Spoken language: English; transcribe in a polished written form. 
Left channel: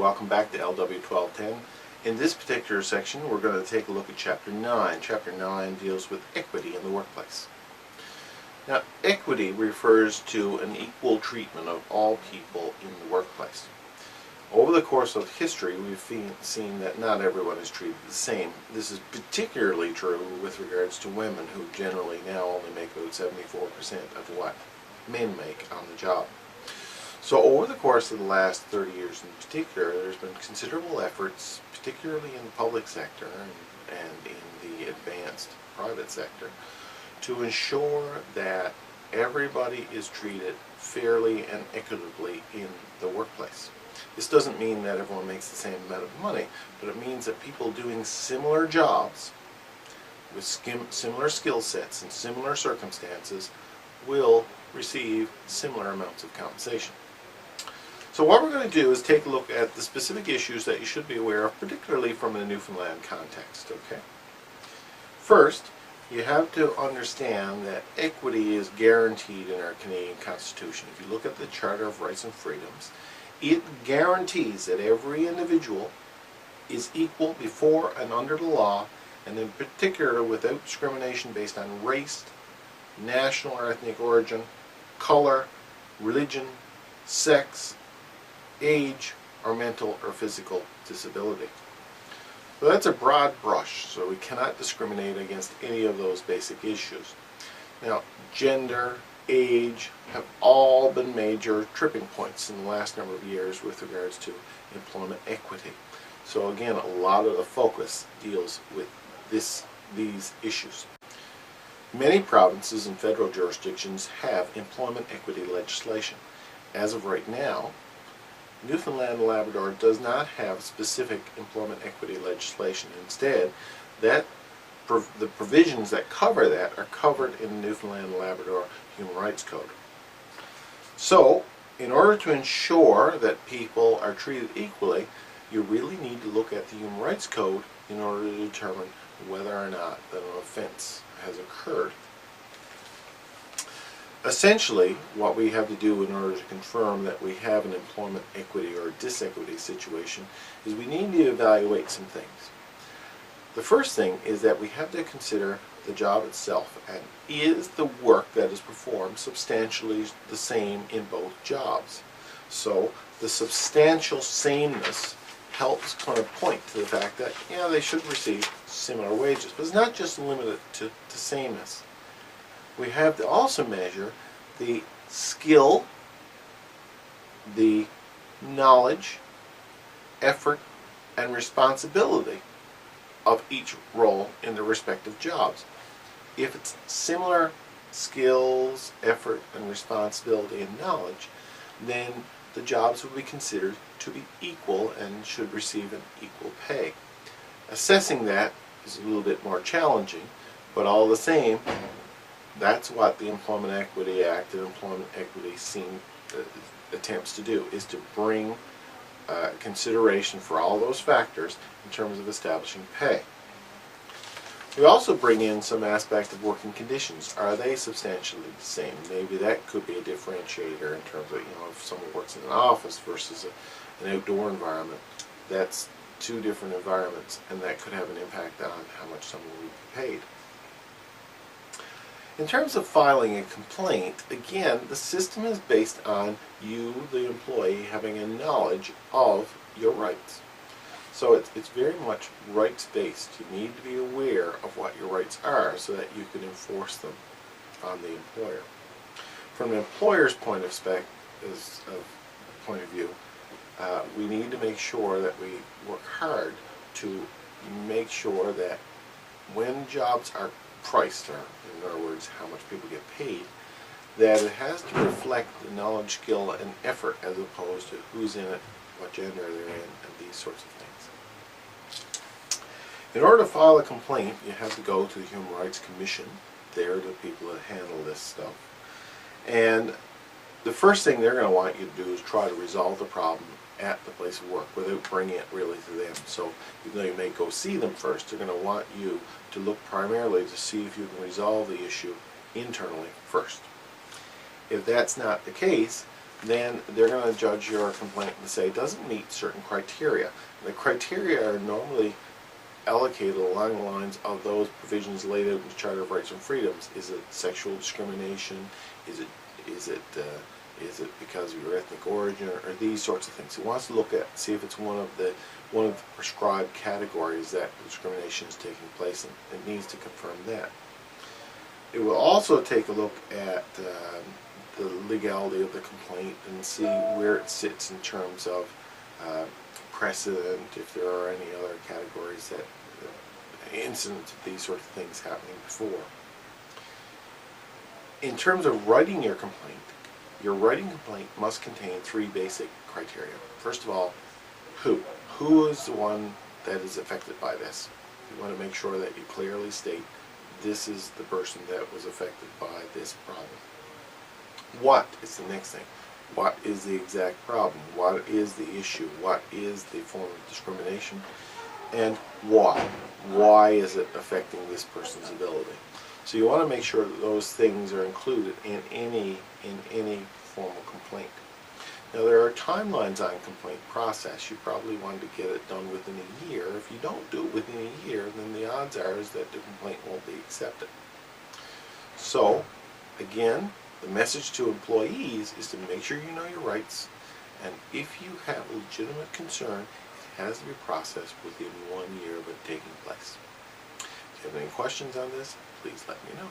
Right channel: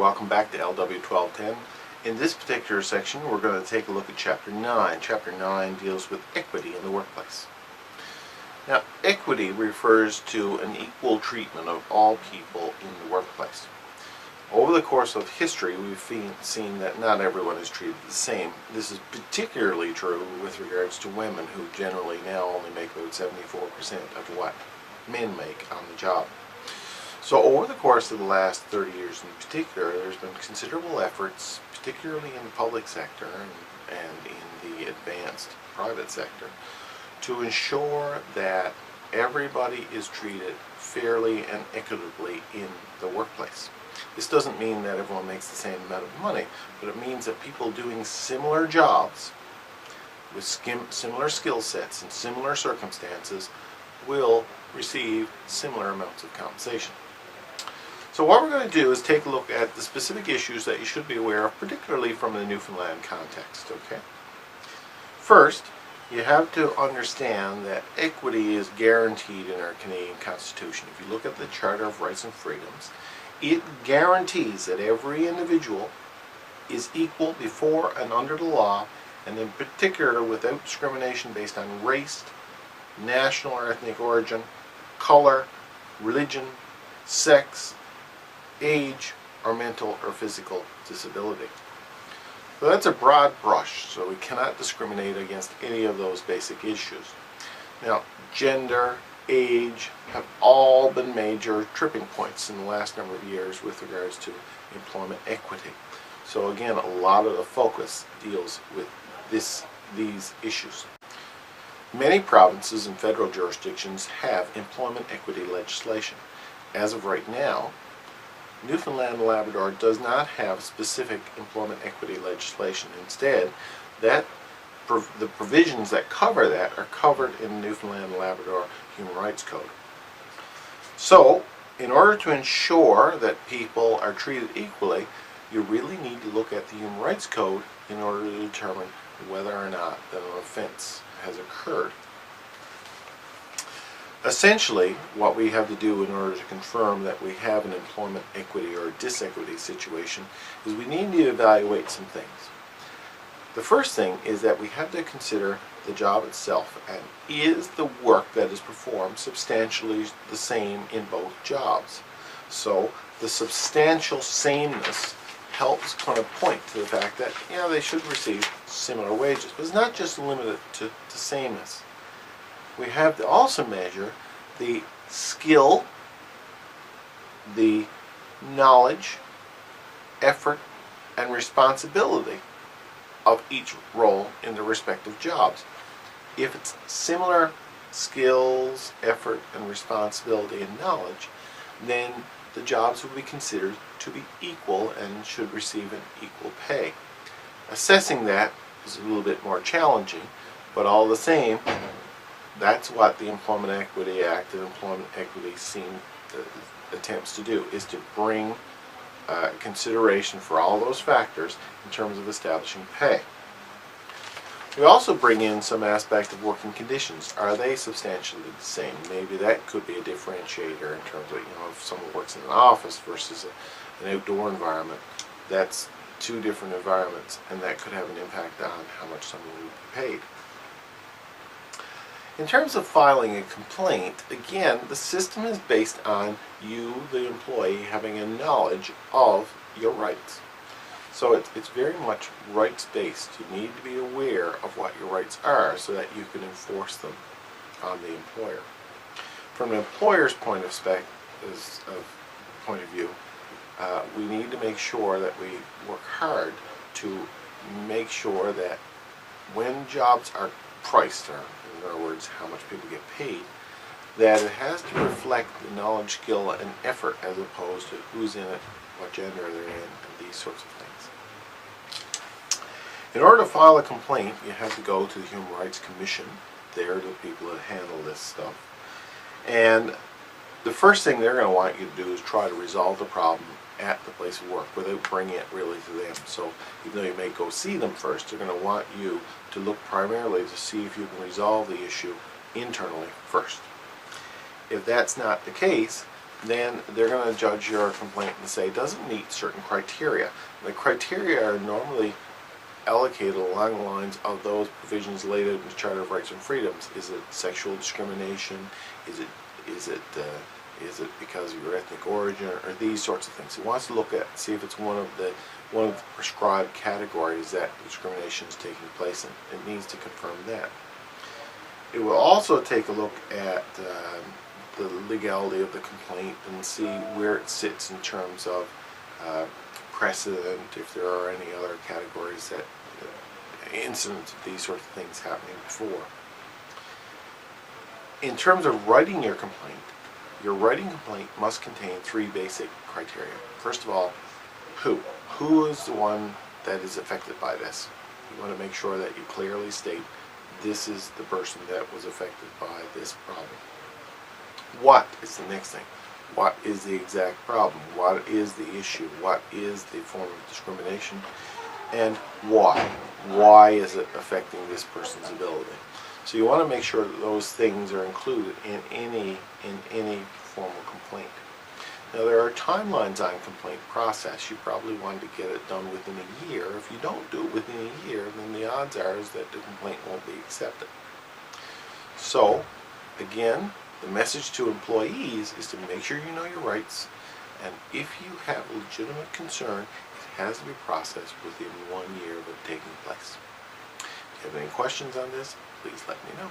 welcome back to LW 1210. In this particular section, we're going to take a look at Chapter 9. Chapter 9 deals with equity in the workplace. Now, equity refers to an equal treatment of all people in the workplace. Over the course of history, we've seen that not everyone is treated the same. This is particularly true with regards to women, who generally now only make about 74% of what men make on the job. So over the course of the last 30 years in particular, there's been considerable efforts, particularly in the public sector and in the advanced private sector, to ensure that everybody is treated fairly and equitably in the workplace. This doesn't mean that everyone makes the same amount of money, but it means that people doing similar jobs with similar skill sets and similar circumstances will receive similar amounts of compensation. So what we're going to do is take a look at the specific issues that you should be aware of, particularly from the Newfoundland context. Okay. First, you have to understand that equity is guaranteed in our Canadian Constitution. If you look at the Charter of Rights and Freedoms, it guarantees that every individual is equal before and under the law, and in particular without discrimination based on race, national or ethnic origin, color, religion, sex, age, or mental or physical disability. So that's a broad brush, so we cannot discriminate against any of those basic issues. Now, gender, age have all been major tripping points in the last number of years with regards to employment equity. So again, a lot of the focus deals with these issues. Many provinces and federal jurisdictions have employment equity legislation. As of right now, Newfoundland and Labrador does not have specific employment equity legislation. Instead, the provisions that cover that are covered in the Newfoundland and Labrador Human Rights Code. So, in order to ensure that people are treated equally, you really need to look at the Human Rights Code in order to determine whether or not that an offense has occurred. Essentially, what we have to do in order to confirm that we have an employment equity or disequity situation is we need to evaluate some things. The first thing is that we have to consider the job itself, and is the work that is performed substantially the same in both jobs. So the substantial sameness helps kind of point to the fact that, yeah, they should receive similar wages. But it's not just limited to sameness. We have to also measure the skill, the knowledge, effort, and responsibility of each role in the respective jobs. If it's similar skills, effort, and responsibility and knowledge, then the jobs will be considered to be equal and should receive an equal pay. Assessing that is a little bit more challenging, but all the same, that's what the Employment Equity Act and Employment Equity attempts to do, is to bring consideration for all those factors in terms of establishing pay. We also bring in some aspect of working conditions. Are they substantially the same? Maybe that could be a differentiator in terms of, if someone works in an office versus an outdoor environment, that's two different environments, and that could have an impact on how much someone will be paid. In terms of filing a complaint, again, the system is based on you, the employee, having a knowledge of your rights. So it's very much rights-based. You need to be aware of what your rights are so that you can enforce them on the employer. From an employer's point of view, we need to make sure that we work hard to make sure that when jobs are priced, or in other words, how much people get paid, that it has to reflect the knowledge, skill, and effort as opposed to who's in it, what gender they're in, and these sorts of things. In order to file a complaint, you have to go to the Human Rights Commission. They're the people that handle this stuff. And the first thing they're going to want you to do is try to resolve the problem at the place of work without bringing it really to them. So even though you may go see them first, they're going to want you to look primarily to see if you can resolve the issue internally first. If that's not the case, then they're going to judge your complaint and say it doesn't meet certain criteria. And the criteria are normally allocated along the lines of those provisions laid out in the Charter of Rights and Freedoms. Is it sexual discrimination? Is it because of your ethnic origin, or these sorts of things? It wants to look at, see if it's one of the prescribed categories that discrimination is taking place in. It needs to confirm that. It will also take a look at the legality of the complaint and see where it sits in terms of precedent, if there are any other categories that incidents of these sorts of things happening before. In terms of writing your writing complaint must contain three basic criteria. First of all, who? Who is the one that is affected by this? You want to make sure that you clearly state this is the person that was affected by this problem. What is the next thing? What is the exact problem? What is the issue? What is the form of discrimination? And why? Why is it affecting this person's ability? So you want to make sure that those things are included in any formal complaint. Now, there are timelines on complaint process. You probably want to get it done within a year. If you don't do it within a year, then the odds are is that the complaint won't be accepted. So, again, the message to employees is to make sure you know your rights, and if you have a legitimate concern, it has to be processed within 1 year of it taking place. If you have any questions on this, please let me know.